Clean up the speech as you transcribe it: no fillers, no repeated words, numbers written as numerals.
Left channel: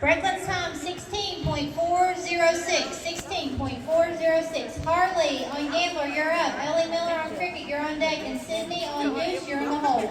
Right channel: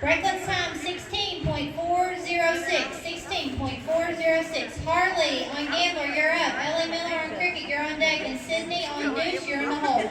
Brakelet's time 16.406. 16.406. Harley on Gambler, you're up. Ellie Miller on Cricket, you're on deck. And Sydney on Deuce, you're in the hole.